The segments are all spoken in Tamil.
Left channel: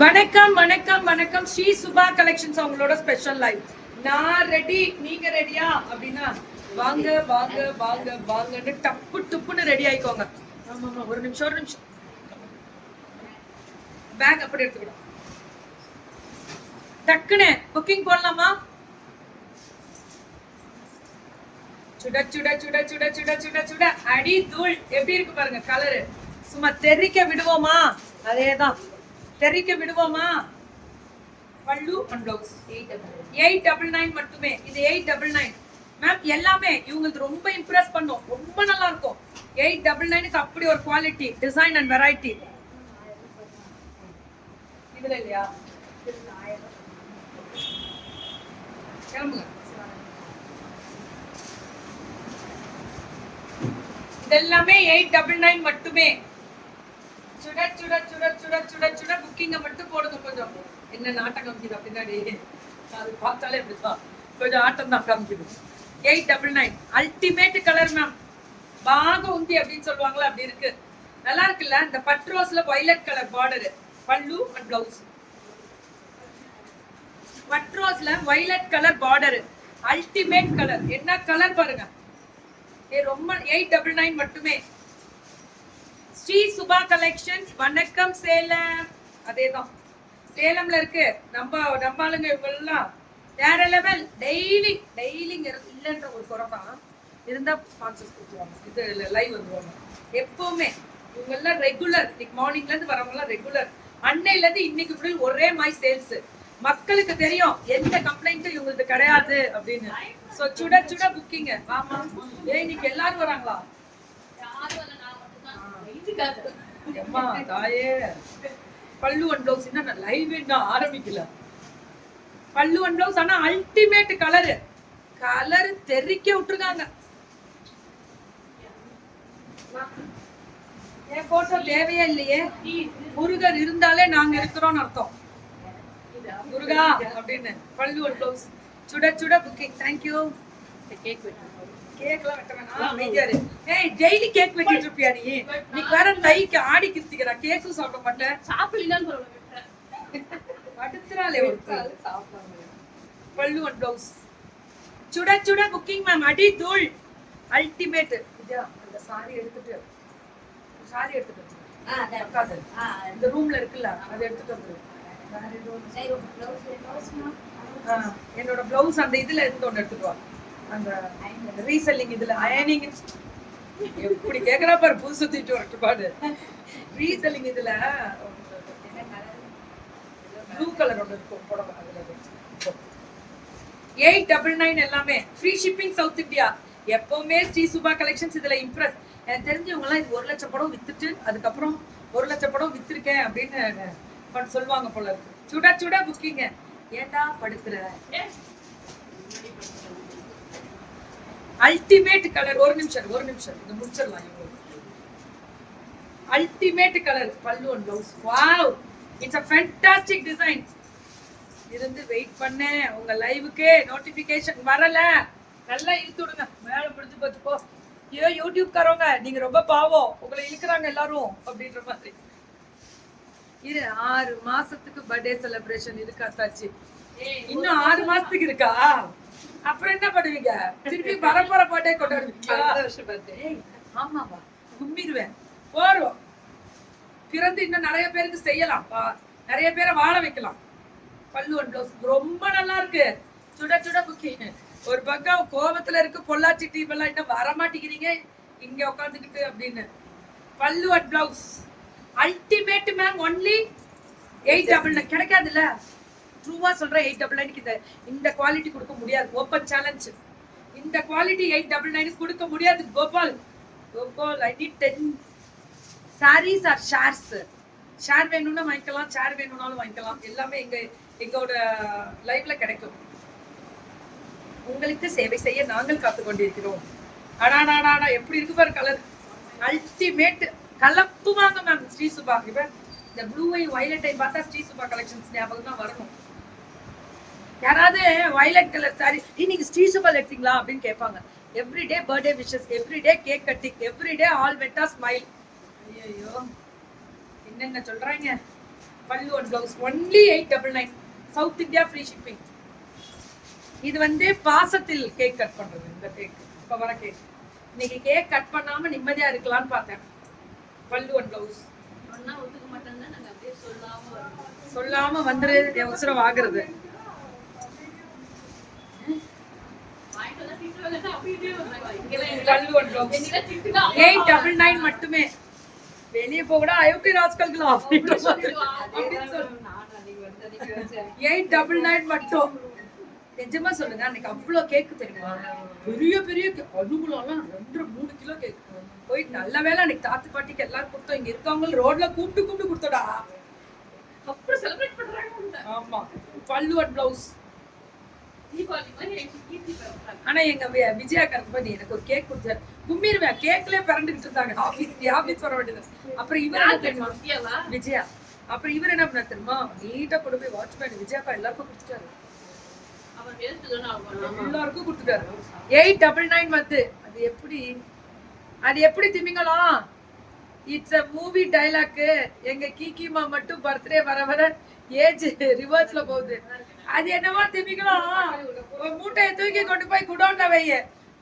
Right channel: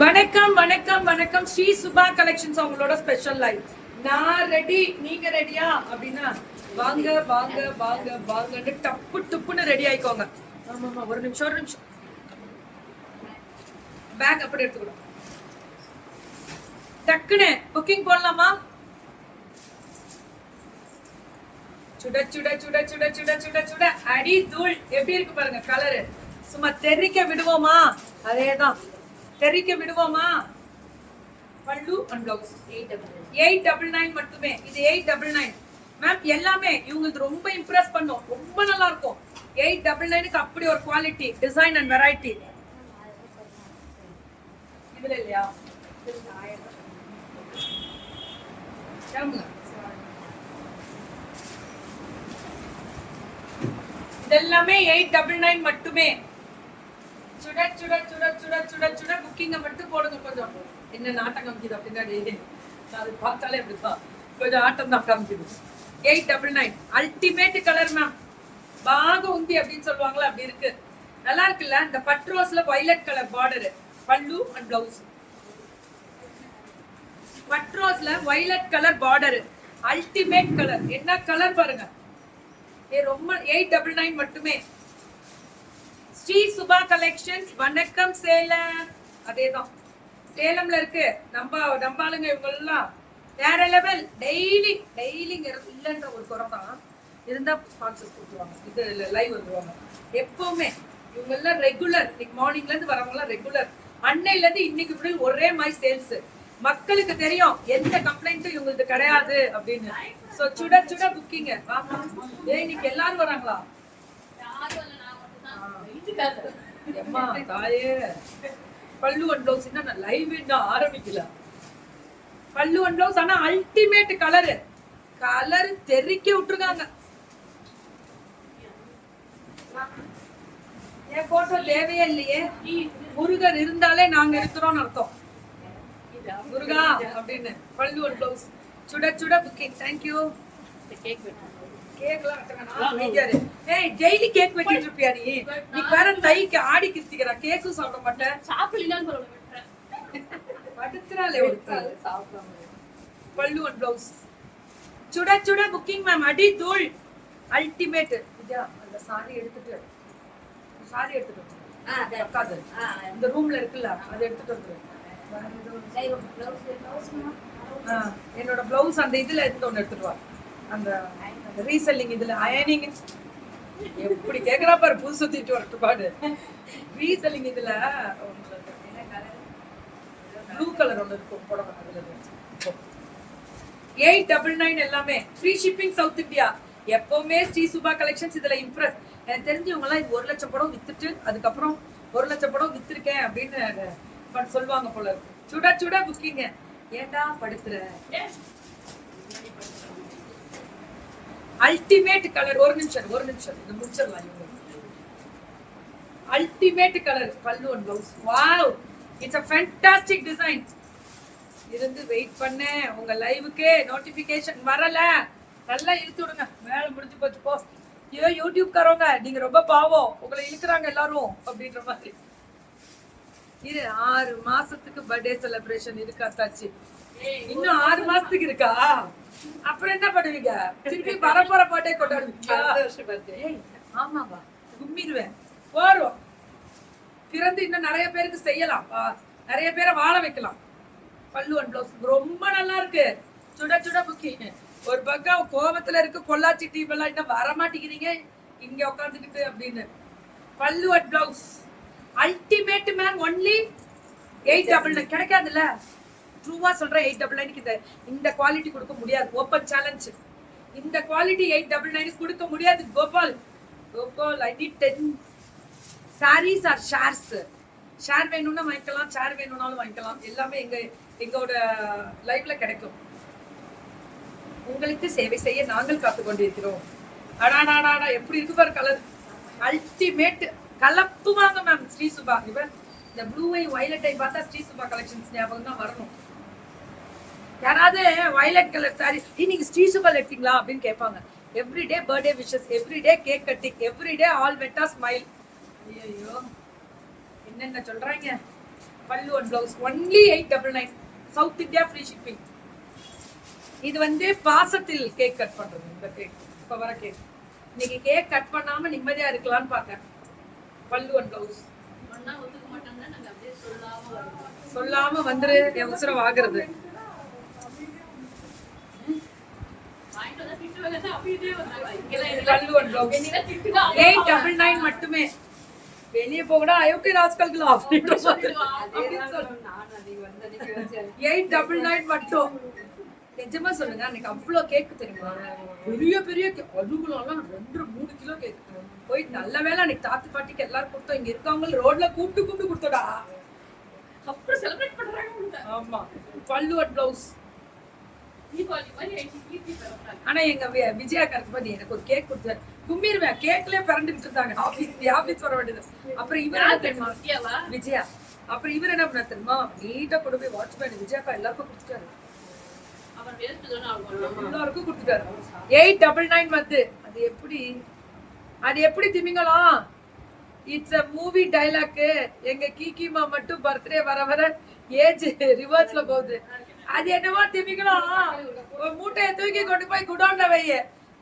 வணக்கம் வணக்கம் வணக்கம். ஸ்ரீ சுபா கலெக்ஷன்ஸ் அவங்களோட ஸ்பெஷல் லைவ். நான் ரெடி, நீங்க ரெடியா அப்படின்னா வாங்க வாங்க வாங்க வாங்கன்னு டப்பு டுப்புன்னு ரெடி ஆயிக்கோங்க. ஆமாமா, ஒரு நிமிஷம் பேக் அப்படி எடுத்துக்கணும். டக்குன்னு புக்கிங் போடலாமா? சுட சுட சுட சுட சுட சுட சுட அடி தூள். எப்படி இருக்கு பாருங்க கலரு. சும்மா தெரிக்க விடுவோமா? அதேதான், தெரிக்க விடுவோமா? பல்லு அண்ட் பிளவுஸ் 899 மட்டுமே. இது 899 மேம். எல்லாமே இவங்களுக்கு ரொம்ப இம்ப்ரெஸ் பண்ணும், ரொம்ப நல்லா இருக்கும். 899க்கு அப்படி ஒரு குவாலிட்டி, டிசைன் அண்ட் வெரைட்டி. இதுல இல்லையா? இதெல்லாமே 899 மட்டுமே. சுட சுட சுட சுட சுட சுட புக்கிங்க மட்டும் போடுங்க. கொஞ்சம் என்ன நாட்டம் காமிக்குது பின்னாடி, அது பார்த்தாலே அப்படிதான் கொஞ்சம் ஆட்டம் தான் காமிக்குது. 899 அல்டிமேட் கலர் மேம். பாக உந்தி அப்படின்னு சொல்லுவாங்களா, அப்படி இருக்கு. நல்லா இருக்குல்ல? இந்த பட்ரோஸ்ல violet colour border, pallu and blouse. பட்ரோஸ்ல violet colour border, ultimate colour. என்ன கலர் பாருங்க. ரொம்ப 899 மட்டுமே. ஸ்ரீ சுபா கலெக்ஷன்ஸ். வணக்கம் சேலம். அதேதான், சேலம்ல இருக்கு. நம்ம ஆளுங்க இவங்கெல்லாம் வேற லெவல். டெய்லிங்க இல்லைன்ற ஒரு குறை தான் இருந்தா ஸ்பான்சர்ஸ் கொடுத்துருவாங்க. இது லைவ் வந்துருவாங்க எப்பவுமே. இவங்க எல்லாம் ரெகுலர். இன்னைக்கு மார்னிங்ல இருந்து வரவங்க எல்லாம் ரெகுலர். அன்னையில இருந்து இன்னைக்கு ஃபுல் ஒரே மாதிரி சேல்ஸ். மக்களுக்கு தெரியும் எந்த கம்ப்ளைண்ட்டும் இவங்களுக்கு கிடையாது அப்படின்னு. சோ சுட சுட புக்கிங்க. ஆமா, இன்னைக்கு எல்லாரும் வராங்களா? அம்மா தாயே, பல்லு அண்ட் பிளவுஸ் இன்னும் லைவ் இன்னும் ஆரம்பிக்கல. பல்லு அண்ட் பிளவுஸ் ஆனா அல்டிமேட் கலர். கலர் தெரிக்க விட்டுருக்காங்க. என் போட்டோ தேவையே இல்லையே. முருகர் இருந்தாலே நாங்க இருக்கிறோம்னு அர்த்தம். முருகா அப்படின்னு. பல்லு அண்ட் பிளவுஸ் சுட சுட புக்கிங். தேங்க்யூ. கேக் கேக்லாம் வெட்டவேனா? ஏய், டெய்லி கேக் வெட்டிட்டு இருப்பியா நீ? நீ வேற தைக்கு ஆடி கிருத்திக்கிறா. கேக்கும் சாப்பிட மாட்டேன். சாப்பிடலான்னு படுத்துறாளே ஒரு சாப்பிடாம. பல்லு அண்ட் பிளவுஸ் சுட சுட புக்கிங் மேம். அடி தூள் அல்டிமேட். இதா அந்த சாரி எடுத்துட்டு இந்த ரூம்ல இருக்குல்ல, அதை எடுத்துட்டு வந்துரு. என்னோட பிளவுஸ் அந்த இதுல எடுத்து ஒன்று எடுத்துட்டு வா. அந்த ரீசெல்லிங் இதுல அயனிங் எப்படி கேக்குறா பாரு. புது சுத்திட்டு வரட்டு பாடு. ரீசெல்லிங் இதுல ப்ளூ கலர் ஒன்று இருக்கும் புடவை. அதுல 899 எல்லாமே ஃப்ரீ ஷிப்பிங் சவுத் இந்தியா. எப்பவுமே ஸ்ரீ சுபா கலெக்ஷன்ஸ் இதுல இம்ப்ரெஸ். எனக்கு தெரிஞ்சவங்க எல்லாம் இது 1 லட்சம் படம் வித்துட்டு அதுக்கப்புறம் 1 லட்சம் படம் வித்திருக்கேன் அப்படின்னு சொல்லுவாங்க போல இருக்கு. சுட சுட புக்கிங்க. ஏண்டா படுத்துற? Ultimate colour. ஒரு நிமிஷம் இந்த முடிச்சிடலாம். அல்டிமேட் கலர் பல்லு and blouse. Wow, it's a fantastic design. இருந்து வெயிட் பண்ணேன். உங்க லைவுக்கே நோட்டிபிகேஷன் வரல. நல்லா இழுத்து விடுங்க. வேலை முடிஞ்சு போச்சு போ. ஐயோ யூடியூப் காரவங்க நீங்க ரொம்ப பாவம், உங்களை இழுக்கிறாங்க எல்லாரும் அப்படின்ற மாதிரி. இது 6 மாசத்துக்கு பர்த்டே செலிப்ரேஷன் இருக்கா தாச்சி? இன்னும் 6 மாசத்துக்கு இருக்கா? அப்புறம் என்ன பண்ணுவீங்க? திருப்பி வரப்போற பர்த்டே கொண்டாடுவீங்க. ஆமாவா? கும்பிடுவேன். போறோம் பிறந்து இன்னும் நிறைய பேருக்கு செய்யலாம், நிறைய பேரை வாழ வைக்கலாம். பல்லு அண்ட் பிளவுஸ் ரொம்ப நல்லா இருக்கு. சுட சுட புக்கிங். ஒரு பக்கம் கோபத்துல இருக்கு, பொள்ளாச்சி டீம் எல்லாம் இன்னும் வர மாட்டேங்கிறீங்க இங்க உட்காந்துக்கிட்டு அப்படின்னு. பல்லு and blouse ultimate ma'am. Only 899 கிடைக்காதுல்ல. ட்ரூவா சொல்றேன். 899 இந்த குவாலிட்டி கொடுக்க முடியாது. Open challenge. இந்த குவாலிட்டி 899 கொடுக்க முடியாது. Gopal I need 10 sarees or shares. Share வேணும்னா வாங்கிக்கலாம், ஷேர் வேணும்னாலும் வாங்கிக்கலாம். எல்லாமே எங்களோட லைவ்ல கிடைக்கும். உங்களுக்கு சேவை செய்ய நாங்கள் காத்து கொண்டிருக்கிறோம். அடாடாடா எப்படி இருக்கு பாரு கலர். அல்டிமேட். கலப்புவாங்க மேம் ஸ்ரீ சுபா. இந்த ப்ளூவை வயலட்டை பார்த்தா ஸ்ரீ சுபா கலெக்ஷன்ஸ் ஞாபகம் தான் வரணும். யாராவது வயலட் கலர் சாரி நீங்க ஸ்ரீ சுபா எடுத்தீங்களா அப்படின்னு கேட்பாங்க. Everyday birthday wishes, everyday cake cutting, everyday all வெட்டா ஸ்மைல். ஐயோ என்னென்ன சொல்றாங்க. Pallu and blouse only 899. South India free shipping. இது வந்து பாசத்தில் கேக் கட் பண்றது. இந்த கேக் இப்ப வர கேக். இன்னைக்கு கேக் கட் பண்ணாம நிம்மதியா இருக்கலாம்னு பார்த்தேன். பல்லு அண்ட் பிளவுஸ் சொல்லாம வந்துரு என் உசுரம் ஆகுறது. 899 மட்டுமே. வெளியே போகடா அயோத்தி ராஜ்கல்களா 899 மட்டும். நிஜமா சொல்லுங்க, அன்னைக்கு அவ்வளவு கேக்கு தெரியுமா? பெரிய பெரிய அதுக்குலாம் 2-3 கிலோ கேக். போயிட்டு நல்ல வேலை அன்னைக்கு தாத்து பாட்டிக்கு எல்லாரும் கொடுத்தோம். இங்க இருக்கவங்க ரோட்ல கூப்பிட்டு கொடுத்தோடா. அப்புறம் செலிப்ரேட் பண்றாங்க. ஆமா, பல்லு அண்ட் பிளவுஸ். ஆனா எங்க விஜயா கரெக்ட் பண்ணி எனக்கு ஒரு கேக் கொடுத்தாரு. கும்மிருவேன், கேக்லயே பிறண்டுகிட்டு இருந்தாங்க. ஆபீஸ் வர வேண்டியது. அப்புறம் இவர் என்ன தெரியுமா? விஜயா. அப்புறம் இவர் என்ன பண்ண தெரியுமா? நீட்டா கொண்டு போய் வாட்ச்மேன் விஜயாக்கா எல்லாருக்கும் கொடுத்துட்டாரு. எல்லாருக்கும் கொடுத்துட்டாரு. 899 வந்து அது எப்படி திமிங்கலாம்? It's a movie dialogue. எங்க கீக்கிமா மட்டும் பர்த்டே வர வர ஏஜ் ரிவர்ஸ்ல போகுது. அது என்னவோ திமிங்கலாம் ஒரு மூட்டையை தூக்கி கொண்டு போய் குடோன்ல வைய,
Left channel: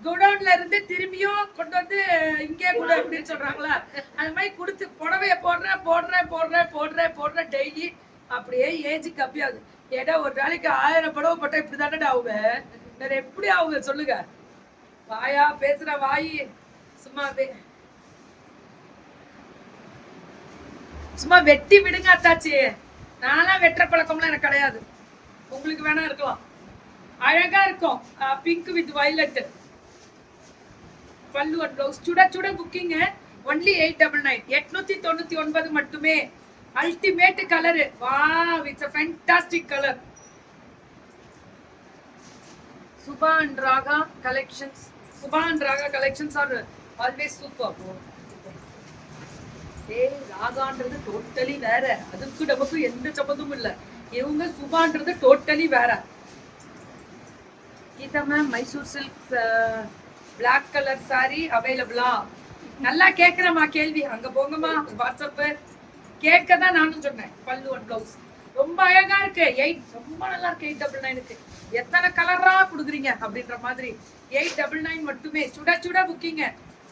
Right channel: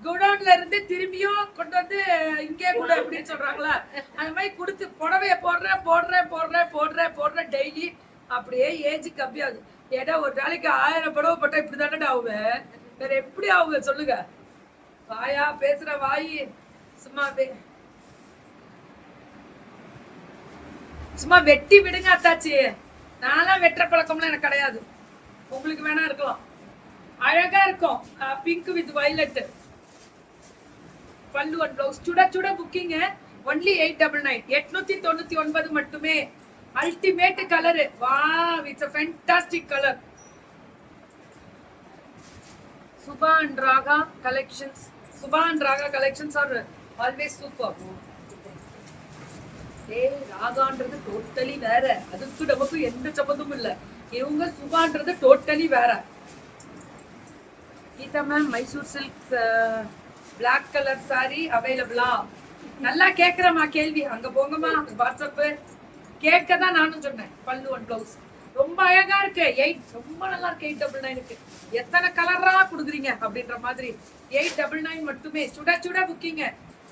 குடோன்ல இருந்து திரும்பியும் கொண்டு வந்து இங்கே கூட அப்படின்னு சொல்றாங்களா, அந்த மாதிரி கொடுத்து புடவைய போடுறேன் டெய்லி. அப்படியே ஏஜ் கம்மியாகுது. ஏன்னா ஒரு நாளைக்கு 1000 புடவை போட்டா இப்படி தானே ஆகுவேன். வேற எப்படி ஆகுது சொல்லுங்க? வாயா பேசுற வாயி சும்மா வெட்டி விடுங்க அத்தாச்சி. நானா வெட்டுற பழக்கம்லாம் எனக்கு கிடையாது. உங்களுக்கு வேணா இருக்கலாம். அழகா இருக்கும். Pink with violet. பல்லு அண்ட் பிளவுஸ். சுட புக்கிங். ஒன்லி 899. 899 மட்டுமே. Ultimate colour. Wow, it's a fantastic color. Subha and Raga collections are always super. ராகான்றது டோட்டலி வேற. அதுக்கு நமக்கு எந்த சம்பந்தமும் இல்ல. இவங்க சுபான்றது டோட்டலி வேற. Geetha ma'am, Mysore silk black colour sari அவைலபிளா? நல்லா கேக்குறமா கேள்வி. அங்க போங்கம்மா வாட்ஸ்அப். கேட்க தான் நானும் சொன்னேன். பல்லு அண்ட் பிளவுஸ் ரொம்ப அழகா இருக்கு. 8 ரொம்ப நல்லா இருக்கு. 899க்கு எத்தனை கலரா கொடுக்குறீங்க அப்படின்ற மாதிரி. 899 மட்டுமே. சுட புக்கிங்க.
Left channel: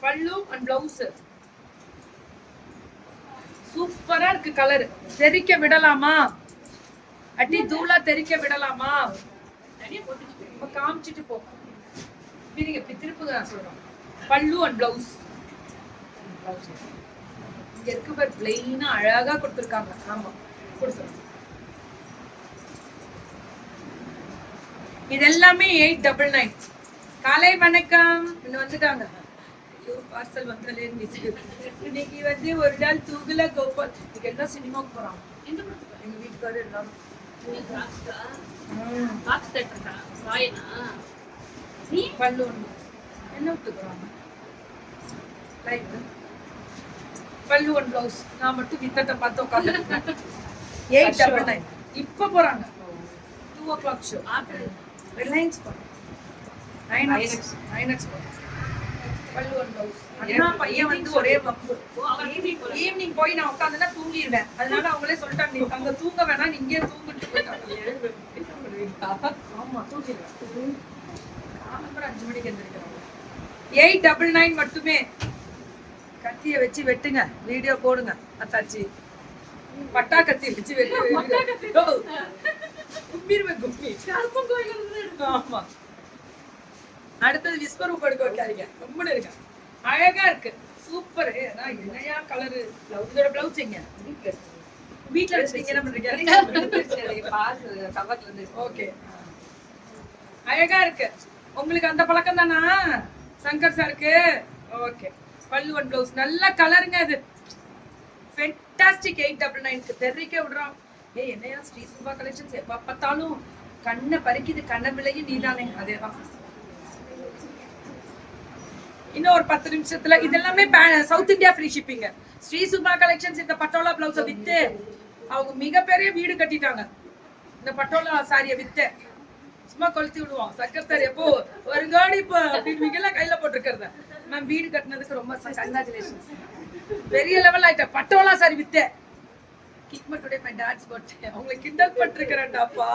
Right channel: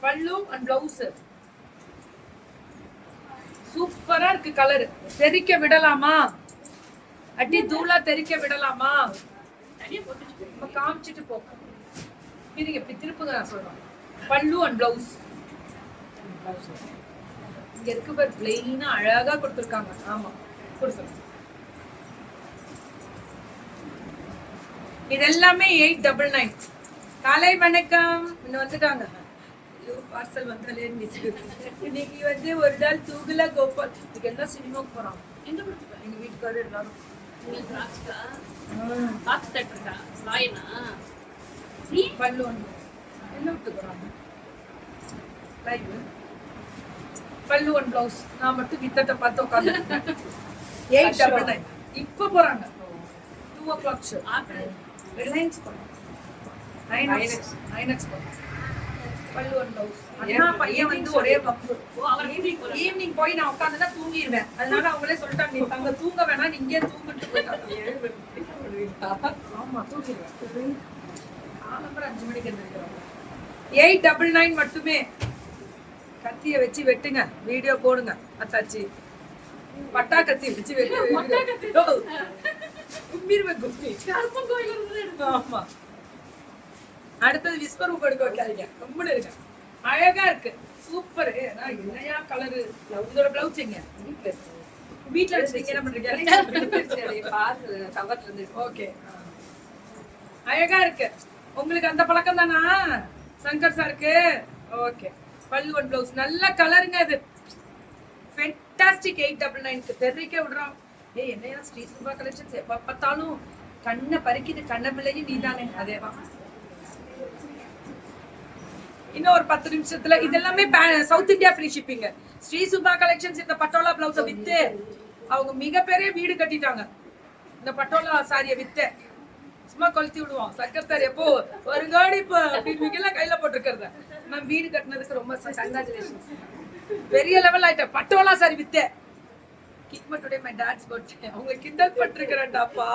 பல்லு அண்ட் பிளவுஸ் சூப்பரா இருக்கு. கலர் தெரிக்க விடலாமா? அடி தூளா தெரிக்க விடலாமா? காமிச்சிட்டு போ. திருப்புங்க நான் சொல்றேன். பல்லு அண்ட் பிளவுஸ் இங்க இருக்கு பாரு. பிளைனா அழகா கொடுத்திருக்காங்க. ஆமா, கொடுத்துருங்க. இது எல்லாமே 899. காலை வணக்கம். இன்னும் வந்துட்டாங்க. பார்சல் வந்தாலே இன்னைக்கு வந்து ஒரு நாள் தூகுல கோபால். இன்னைக்கு எல்லாம் சினிமாவுக்கு போறாங்க. எங்க வீட்டுக்காரர் எல்லாரும் பல்லு என்ன விட்டுக்கிறாங்க. பல்லு ஒன் பிளவுஸ். நான் மட்டும் வித்தத்தை பார்த்து உட்காந்து 899. இப்ப போறாங்க 2 o'clock ஷோ. ரிலையன்ஸ் போறாங்க. 9x போறாங்க. பல்லு ஒன் பிளவுஸ். அண்ணா பையன் வந்து ஒரே வப்பு. ஈவினிங் போய் நான் உட்காந்துதான் தூங்கிடுவேன். அதனால அவங்களே சொல்லிட்டாங்க, நீ அங்க தூங்க வேணாம், நீ இங்கே தூங்கிட்டு போயிட்டாங்க. ஆமா, தூங்கிடுவேன். 5 மணிக்கு எழுந்திருக்கிறோம். 899 மட்டுமே. கத்திய வச்சு வெட்டுங்க, வீடியோ போடுங்க அத்தாச்சி. பட்டா கத்தி வச்சு வெட்டு. ஆமா. அடுத்தது விஸ்வரூப் எடுக்க வைக்காதீங்க. ரொம்ப இருக்கு. அழகா இருக்கு. சூப்பர். என்னையா கலரு. இதோட பிளவுஸ் எங்க? வீட்டுல வச்சுட்டீங்க. என்ன பண்றீங்க? ஓகே, அழகா இருக்கு. உங்களுக்கு அந்த பழக்கம் தானா சங்கர் சாருக்கு? ஓகே. பல்லு ஒன் பிளவுஸ் நல்ல கலருங்க. அது ஃபேண்டாஸ்டிக். 899க்கு தெரிவிக்க விடுறோம். என்னையா ஸ்ரீ சுபா கலெக்ஷன்ஸ் எப்ப பார்த்தாலும் கண்ணை பறிக்குது. கண்ணை விலைக்கு நீதானே. அதேதான். இன்னும் ஒரு 10 நிமிஷத்துல இதெல்லாமே south India free shipping. Sri Subha collections இந்த பட்டோலா பிளவுஸை வித்து அவங்க மிகப்பெரிய வீடு கட்டிட்டாங்க. இந்த பட்டோலா சாரியை வித்து சும்மா கொளுத்தி விடுவோம். சக்கர் சார் எப்போ ஒரு காடி இப்போ அப்படின்னு கையில போட்டுருக்கிறத மேம் வீடு கட்டினதுக்கு ரொம்ப கங்க்ராச்சுலேஷன்ஸ். பெரிய லெவல் ஆயிட்ட. பட்டோலா சாரி வித்து கிட்மா டுடே மை டாட்ஸ் பர்த்டே. அவங்களை கிண்டல் பண்ணிருக்கிறேன்டாப்பா.